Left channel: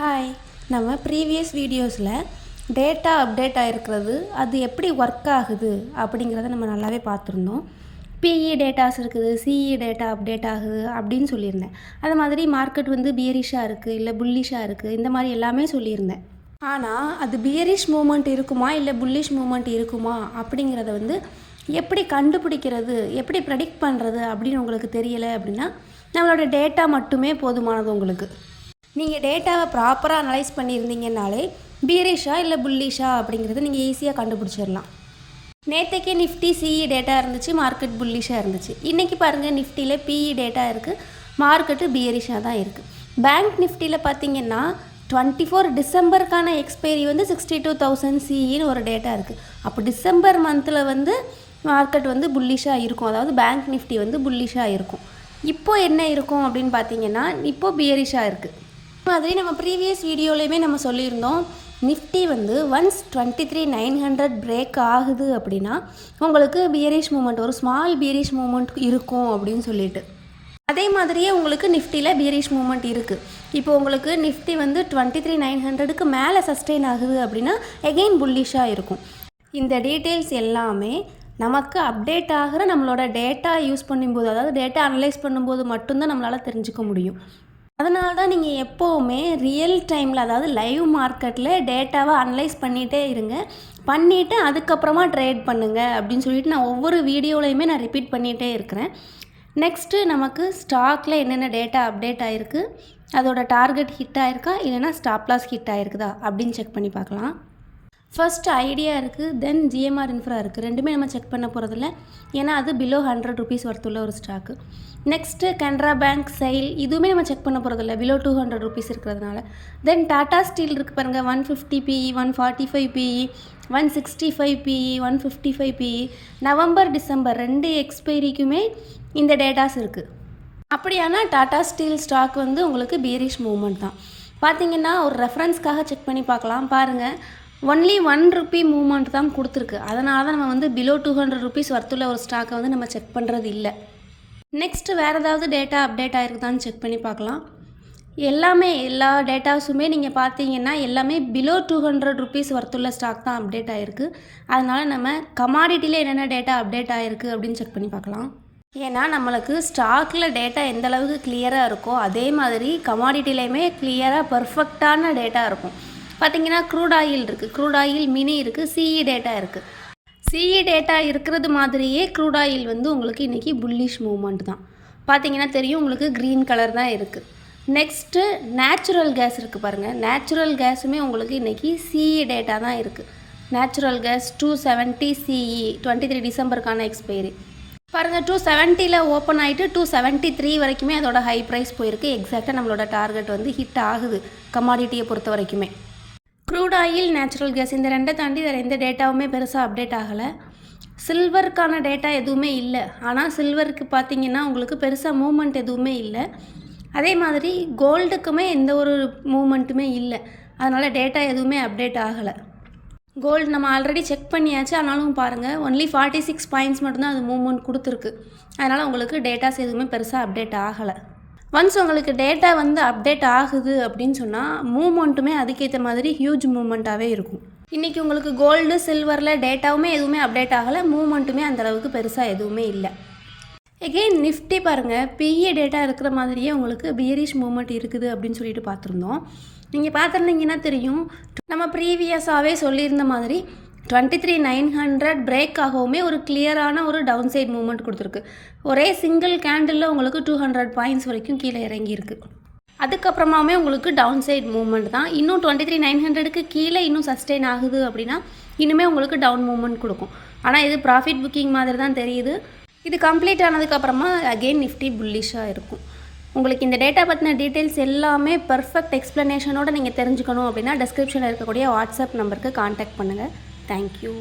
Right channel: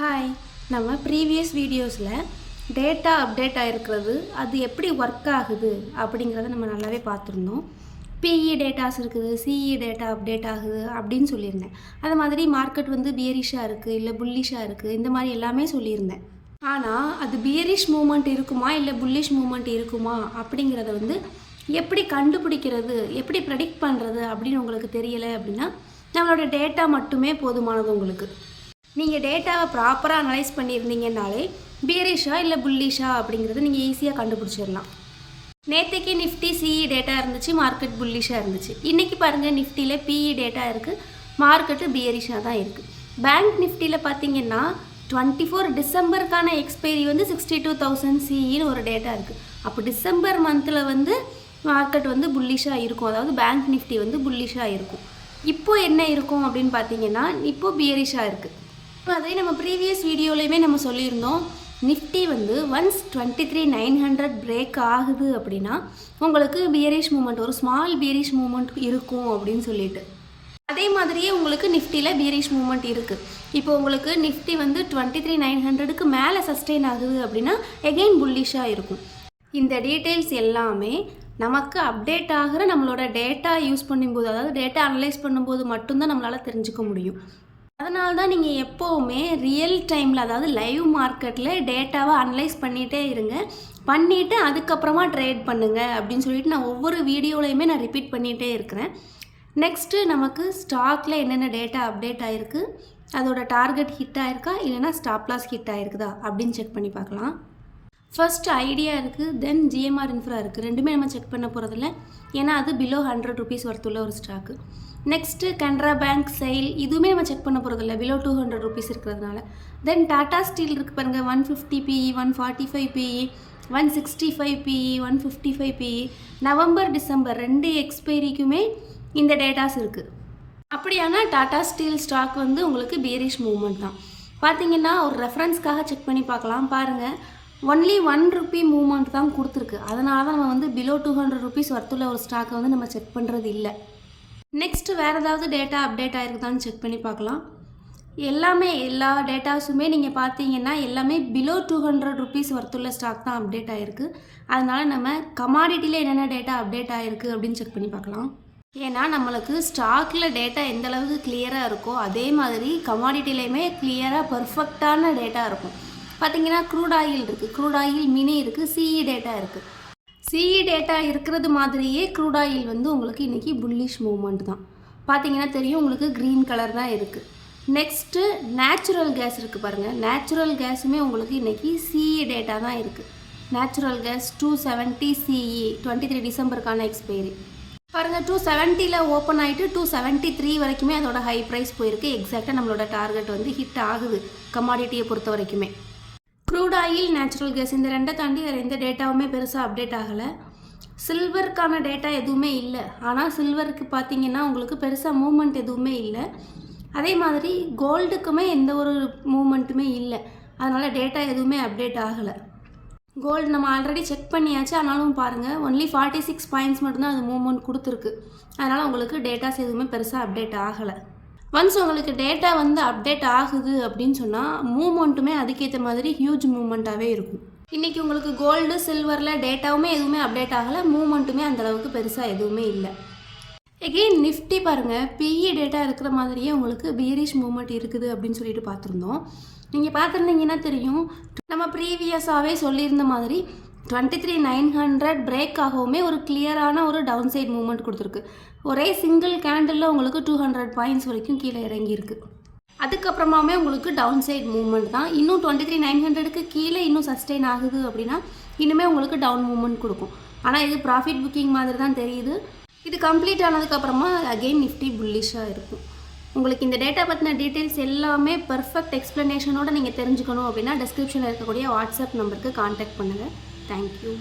Hi, நம்ம previous வீடியோஸில் data update ஆகிருக்கிறது, அது எப்படி ஒர்க் ஆகுது அப்படிங்கிறத நம்ம நல்லாவே பார்த்துருந்தோம். பிஇ டேட்டாஸ் இருக்குது, சிஇ டேட்டா அப்டேட் ஆகுது அப்படின்னு சொல்லியிருந்தேன். அது மாதிரி மார்க்கெட் வந்து பியரிஷாக இருக்குது, இல்லை புல்லிஷாக இருக்குது, இந்த மாதிரி எல்லாமே சொல்லியிருந்தேன். ஆனால் அது பியரிஷ் மூமெண்ட் இருக்குமா இல்லை புல்லிஷ் மூமெண்ட் இருக்குமா அப்படிங்கிறத வந்து எப்படி கண்டுபிடிக்கிறது, எப்படி ப்ரெடிக்ட் பண்ணுறது அப்படின்னு உங்களுக்கு தெரியலை அப்படின்னா நம்மளோட டேட்டா மட்டுமே போதுமானது. உங்களுக்கு நீங்கள் டேட்டாவை ப்ராப்பராக அனலைஸ் பண்ணியிருந்தீங்கன்னாலே பீரிஷா இல்லை புல்லிஷா அப்படிங்கிறது நீங்கள் ஈஸியாக கண்டுபிடிச்சிடலாம். நேற்றைக்கு நிஃப்டி சிஇ டேட்டா இருந்துச்சு, மார்க்கெட் புல்லிஷாக இருந்துச்சு. இன்றைக்கி பாருங்கள், நிஃப்டியில் பிஇ டேட்டா இருக்குது, மார்க்கெட்டு பியரிஷாக தான் இருக்குது. பேங்க் நிஃப்டியில் பார்த்தீங்கன்னா 24 டிசம்பருக்கான எக்ஸ்பைரி வந்து 62,000 சிஇன்னு ஒரு டேட்டா இருக்குது. அப்போ டிசம்பர் மந்தில் வந்து மார்க்கெட் வந்து புல்லிஷாக இருக்கும், அதாவது பேங்க் நிஃப்டி வந்து புல்லிஷாக இருக்கும். இப்போது என்ன இருக்கும் அப்படின்னு பார்த்தீங்கன்னா, இப்போது பியரிஷாக இருக்குது. மாதிரி நம்ம ப்ரீவியஸ் வீடியோலையுமே நம்ம சொல்லியிருந்தோம், நிஃப்டி வந்து ஒன்ஸ் 23,900 பிரேக் ஆகுது அப்படின்னா உங்களுக்கு பியரிஷ் மூமெண்ட், ஒரு ஸ்மால் பியரிஷ் மூமெண்ட் இருக்கும் அப்படின்னு சொல்லிட்டு. அதே மாதிரியே உங்களுக்கு நிஃப்டியில் பியரிஷ் மூமெண்ட் இருக்குது. இப்போ உங்களுக்கு நிஃப்டி வந்து 23,900க்கு மேலே சஸ்டெயின் ஆகுது அப்படின்னா எகெயின் புல்லிஷாக இருக்கும். இந்த டீட்டெயில்ஸ் எல்லாமே நமக்கு அப்டேட் ஆகிற நம்மளோட டேட்டா யூஸ் பண்ணும்போது, அதாவது டேட்டா அனலைஸ் பண்ணும்போது மட்டும்தான் நம்மளால் தெரிஞ்சுக்க முடியும். அதனால தான் நீங்கள் எப்போவுமே ரியல் டைமில், அதாவது லைவ் மார்க்கெட்டில் டேட்டாவை அனலைஸ் பண்ணிகிட்டே இருங்க, பண்ணிவிட்டு அதுக்கப்புறமா ட்ரேட் பண்ணுங்கள் அப்படின்னு சொல்லிட்டு நான் ஒவ்வொரு வீடியோலையுமே நான் ரிப்பீட் பண்ணிகிட்டே இருக்கிறேன். நெக்ஸ்ட்டு நமக்கு ஸ்டாக்கில் என்னென்ன டேட்டா அப்டேட் ஆகிருக்கு, அதோட டார்கெட் ஹிட் ஆகிருக்கா இல்லைனா ஸ்டாப் லாஸ் ஹிட் ஆகிருக்குதா அப்படின்னு செக் பண்ணி பார்க்கலாம். ஃபர்ஸ்ட் ஐடியா இருக்குது, தென் ஜிஎம்ஆர் இன்ஃப்ரா இருக்குது. ரெண்டுமே நம்ம செக் பண்ண போகிறதில்ல, ஏன்னா அது பிலோ 100 rupees ஒர்த்துள்ள ஒரு stock. Next Canara bank, sail, இதுவுமே நம்ம செக் பண்ண போகிறதில்ல, பிலோ 200 rupees இருக்கிறதுனால. தென் டாடா ஸ்டீல் இருக்குது பாருங்கள், 150 PE, 145 PE, 165 PE, 155 PE. November December 2 எக்ஸ்பைரிக்குமே இந்த டேட்டாஸ் இருக்குது. அப்படியானா டாடா ஸ்டீல் ஸ்டாக் வந்து உங்களுக்கு பியரிஷ் மூவ்மெண்ட் தான். பார்த்தீங்கன்னா ஒரு ரெஃபரன்ஸ்க்காக செக் பண்ணி பார்க்கலாம். பாருங்கள், ஒன்லி 1 rupee மூவ்மெண்ட் தான் கொடுத்துருக்கு. அதனால தான் நம்ம வந்து பிலோ 200 rupees ஒர்த்துள்ள ஒரு ஸ்டாக்கை வந்து நம்ம செக் பண்ணுறது இல்லை. நெக்ஸ்ட்டு வேறு ஏதாவது டேட்டா அப்டேட் ஆகிருக்குதான்னு செக் பண்ணி பார்க்கலாம். எல்லா டேட்டாஸுமே நீங்கள் பார்த்தீங்கன்னா எல்லாமே பிலோ 200 rupees ஒர்த்துள்ள ஸ்டாக் தான் அப்டேட் ஆகிருக்கு. அதனால் நம்ம கமாடிட்டியில் என்னென்ன டேட்டா அப்டேட் ஆகிருக்கு அப்படின்னு செக் பண்ணி பார்க்கலாம். ஏன்னா நம்மளுக்கு ஸ்டாக்கில் டேட்டா எந்த அளவுக்கு கிளியராக இருக்கோ அதே மாதிரி கமாடிட்டிலையுமே கிளியராக பர்ஃபெக்டான டேட்டா இருக்கும். பார்த்தீங்கன்னா க்ரூட் ஆயில் இருக்குது, க்ரூட் ஆயில் மினி இருக்குது, சிஇ டேட்டா இருக்குது. சிஇ டேட்டா இருக்கிறது மாதிரியே க்ரூட் ஆயில் வந்து உங்களுக்கு இன்றைக்கி புல்லிஷ் மூவ்மெண்ட் தான். பார்த்தீங்கன்னா தெரியும், உங்களுக்கு க்ரீன் கலர் தான் இருக்குது. நெக்ஸ்ட்டு நேச்சுரல் கேஸ் இருக்குது பாருங்கள், நேச்சுரல் கேஸுமே உங்களுக்கு இன்றைக்கி சிஇ டேட்டா தான் இருக்குது. நேச்சுரல் கேஸ் 270 சிஇ 23 டிசம்பருக்கான எக்ஸ்பைரி. பாருங்கள், 270 ஓப்பன் ஆகிட்டு 273 வரைக்குமே அதோட ஹை ப்ரைஸ் போயிருக்கு. எக்ஸாக்டாக நம்மளோட டார்கெட் வந்து ஹிட் ஆகுது கமாடிட்டியை பொறுத்த வரைக்குமே. க்ரூட் ஆயில், நேச்சுரல் கேஸ், இந்த ரெண்டை தாண்டி வேறு எந்த டேட்டாவுமே பெருசாக அப்டேட் ஆகலை. சில்வருக்கான டேட்டா எதுவுமே இல்லை, ஆனால் சில்வருக்கு பார்த்தீங்கன்னா உங்களுக்கு பெருசாக மூவ்மெண்ட் எதுவுமே இல்லை. அதே மாதிரி கோல்டுக்குமே எந்த ஒரு மூவ்மெண்ட்டுமே இல்லை, அதனால் டேட்டா எதுவுமே அப்டேட் ஆகலை. கோல்டு நம்ம ஆல்ரெடி செக் பண்ணியாச்சு, ஆனாலும் பாருங்கள் ஒன்லி 46 பாயிண்ட்ஸ் மட்டும்தான் அது மூவ்மெண்ட் கொடுத்துருக்கு. அதனால் உங்களுக்கு டேட்டாஸ் எதுவுமே பெருசாக அப்டேட் ஆகலை. ஒன்ஸ் உங்களுக்கு டேட்டா வந்து அப்டேட் ஆகுது அப்படின்னு சொன்னால் மூவ்மெண்ட்டுமே அதுக்கேற்ற மாதிரி ஹியூஜ் மூவ்மெண்ட்டாகவே இருக்கும். இன்றைக்கி உங்களுக்கு கோல்டு, சில்வரில் டேட்டாவுமே எதுவுமே அப்டேட் ஆகலை, மூவ்மெண்ட்டுமே அந்தளவுக்கு பெருசாக எதுவுமே இல்லை. எகெயின் நிஃப்டி பாருங்கள், பிஇ டேட்டா இருக்கிற மாதிரியே உங்களுக்கு பியரிஷ் மூவ்மெண்ட் இருக்குது அப்படின்னு சொல்லிட்டு பார்த்துருந்தோம். நீங்கள் பார்த்துருந்தீங்கன்னா தெரியும், நம்ம ப்ரீவியஸாகவே சொல்லியிருந்த மாதிரி 23,900 பிரேக் ஆகவுமே ஒரு கிளியரான ஒரு டவுன் சைட் மூவ்மெண்ட் கொடுத்துருக்கு. ஒரே சிங்கிள் கேண்டிலில் உங்களுக்கு 200 பாயிண்ட்ஸ் வரைக்கும் கீழே இறங்கியிருக்கு. அதுக்கப்புறமாவே உங்களுக்கு டவுன் சைட் மூவ்மெண்ட் தான். இன்னும் 23,900க்கு கீழே இன்னும் சஸ்டெயின் ஆகுது அப்படின்னா இன்னுமே உங்களுக்கு டவுன் மூவ்மெண்ட் கொடுக்கும். ஆனால் இது ப்ராஃபிட் புக்கிங் மாதிரி தான் தெரியுது. இது கம்ப்ளீட் ஆனதுக்கப்புறமா அகெயின் நிஃப்டி புல்லிஷாக இருக்கும். உங்களுக்கு இந்த டேட்டா பற்றின டீட்டெயில்ஸ் எல்லாமே பர்ஃபெக்ட் எக்ஸ்ப்ளனேஷனோடு நீங்கள் தெரிஞ்சுக்கணும் அப்படின்னா டிஸ்கிரிப்ஷனில் இருக்கக்கூடிய வாட்ஸ்அப் நம்பருக்கு கான்டாக்ட் பண்ணுங்கள். தேங்க்யூ.